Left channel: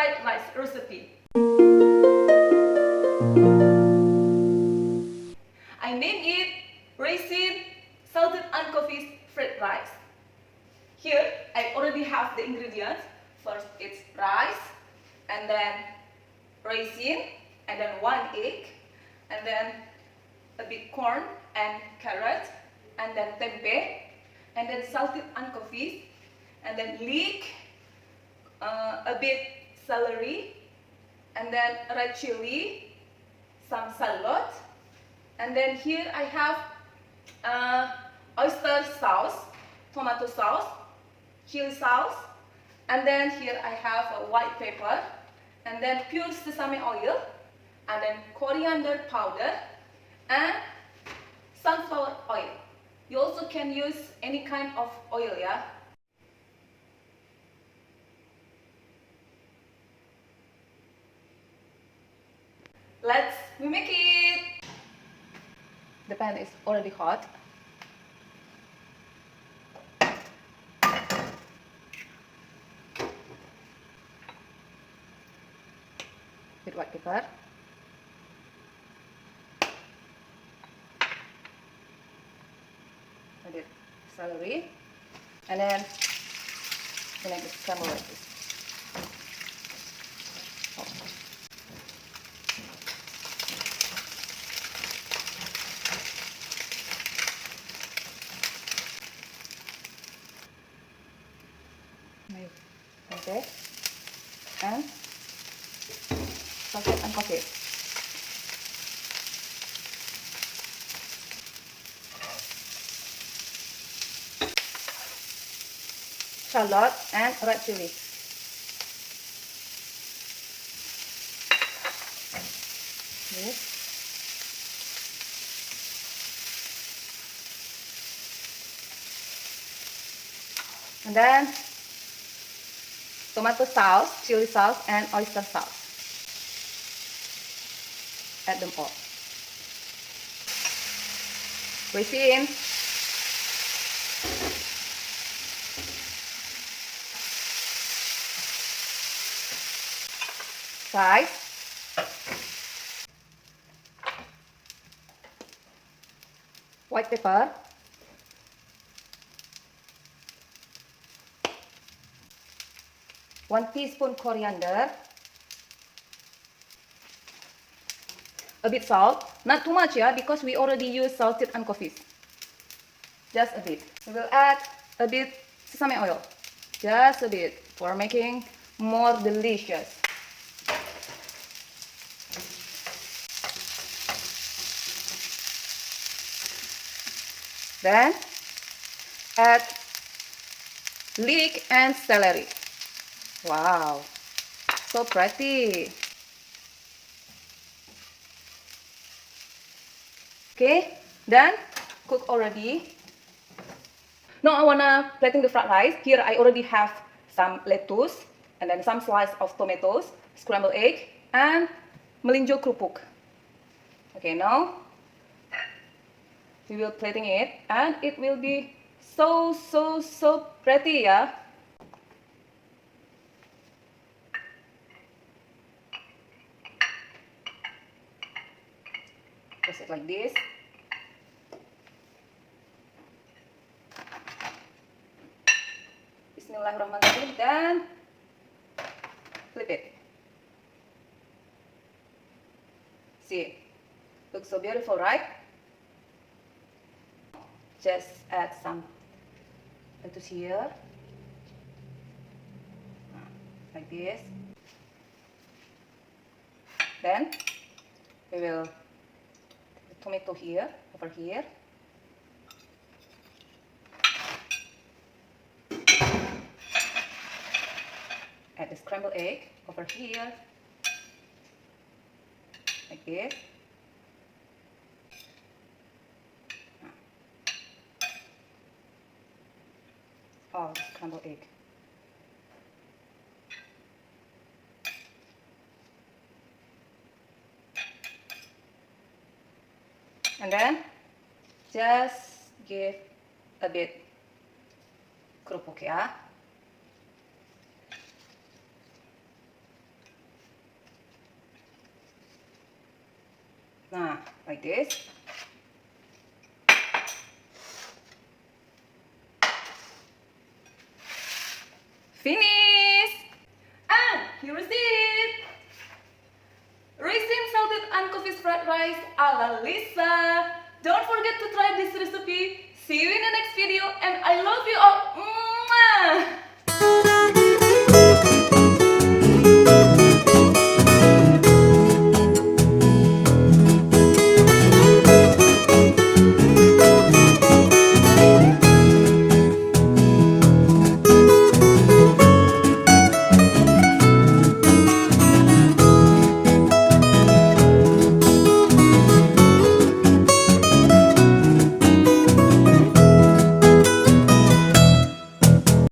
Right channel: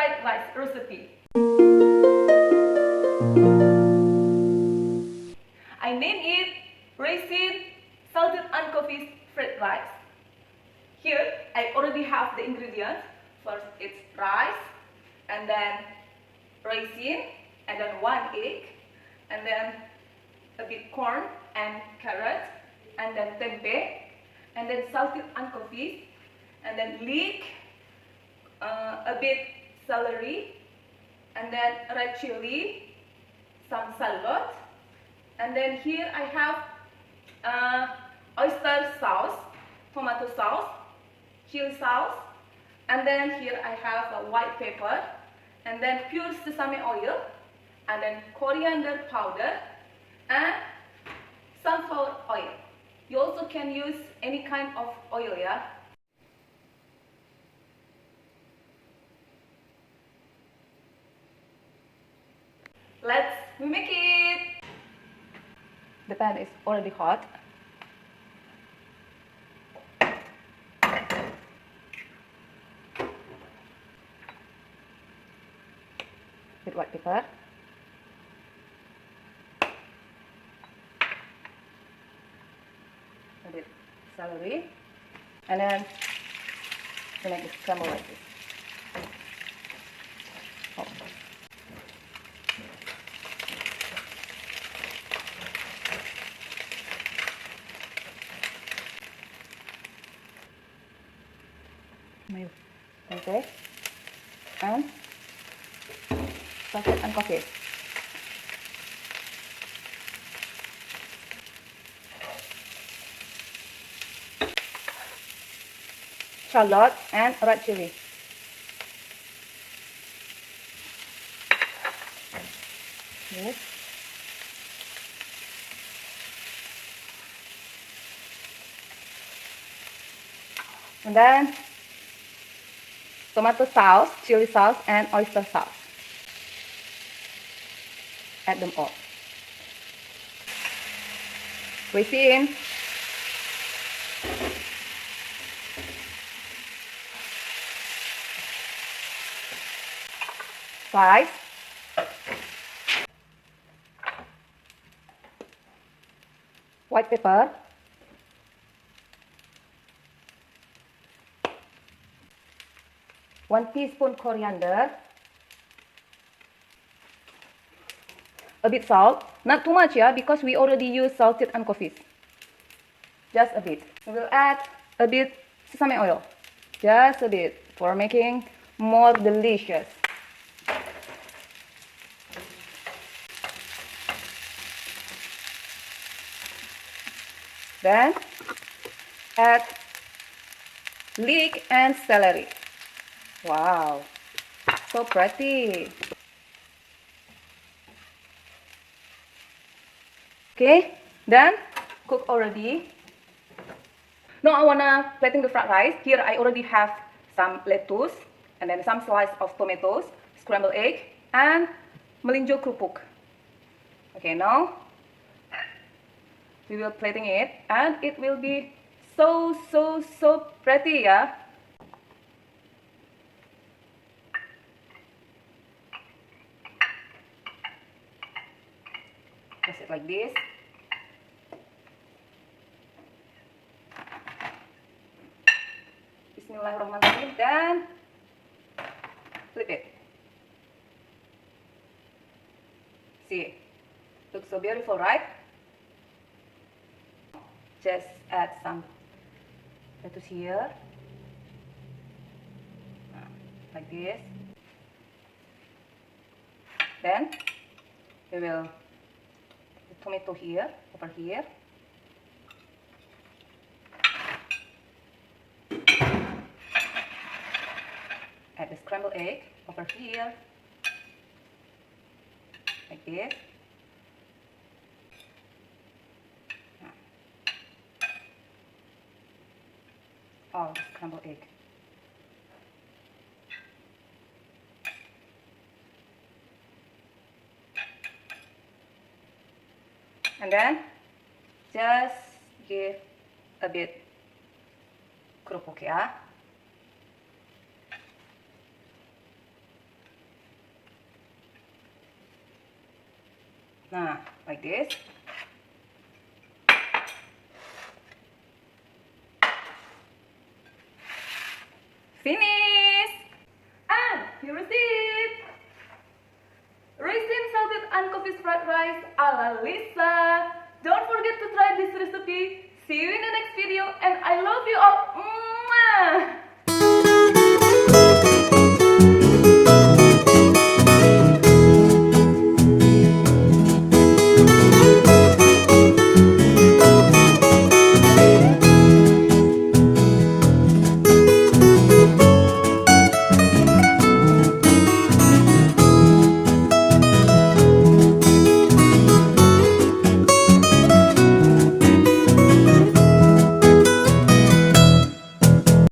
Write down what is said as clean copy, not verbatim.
fried rice recipe. I name it Raisin salted anchovies fried rice. Here I already have the ingredients. First it's rice, and then raisin, and then 1 egg, and then a bit corn and carrot, and then tempeh, and then salted anchovies, and then leek, a bit celery, and then red chili, some shallots, and then here I have oyster sauce, tomato sauce, chili sauce, and then here I have a white pepper, and then pure sesame oil, and then corriander powder, and sunflower oil. You also can use any kind of oil, yeah. Let's make it. The pan is already hot. With white pepper. A bit celery, and then we make the scramble like this. Oh. Okay, and salted and coffee. Shallot and red chili. Yes. And then tomato sauce, chili sauce, and oyster sauce. Add them all. Raisin. Rice. White pepper. One teaspoon coriander. A bit salt. Not too much, yeah, because we already used salted anchovies. Just a bit. We will add a bit sesame oil. Just a bit for making more delicious. Then add leek and celery. Wow, so pretty. Okay, done. Cook already. Now I wanna plating the fried rice. Here I already have some lettuce, and then some slice of tomatoes, scrambled egg, and melinjo kerupuk. Okay, now we will plating it, and it will be so pretty, yeah. Press it like this. Bismillahirrahmanirrahim, dan flip it. See, looks so beautiful, right? Just add some lettuce here, like this. Then we will put the tomato here, over here. Add the scrambled egg over here, like this. All the scrambled egg. And then just give a bit kerupuk, ya. Nah, like this. Finish! And here is it! Raisin salted anchovies fried rice ala Lisa. Don't forget to try this recipe. See you in the next video and I love you all. Mwah!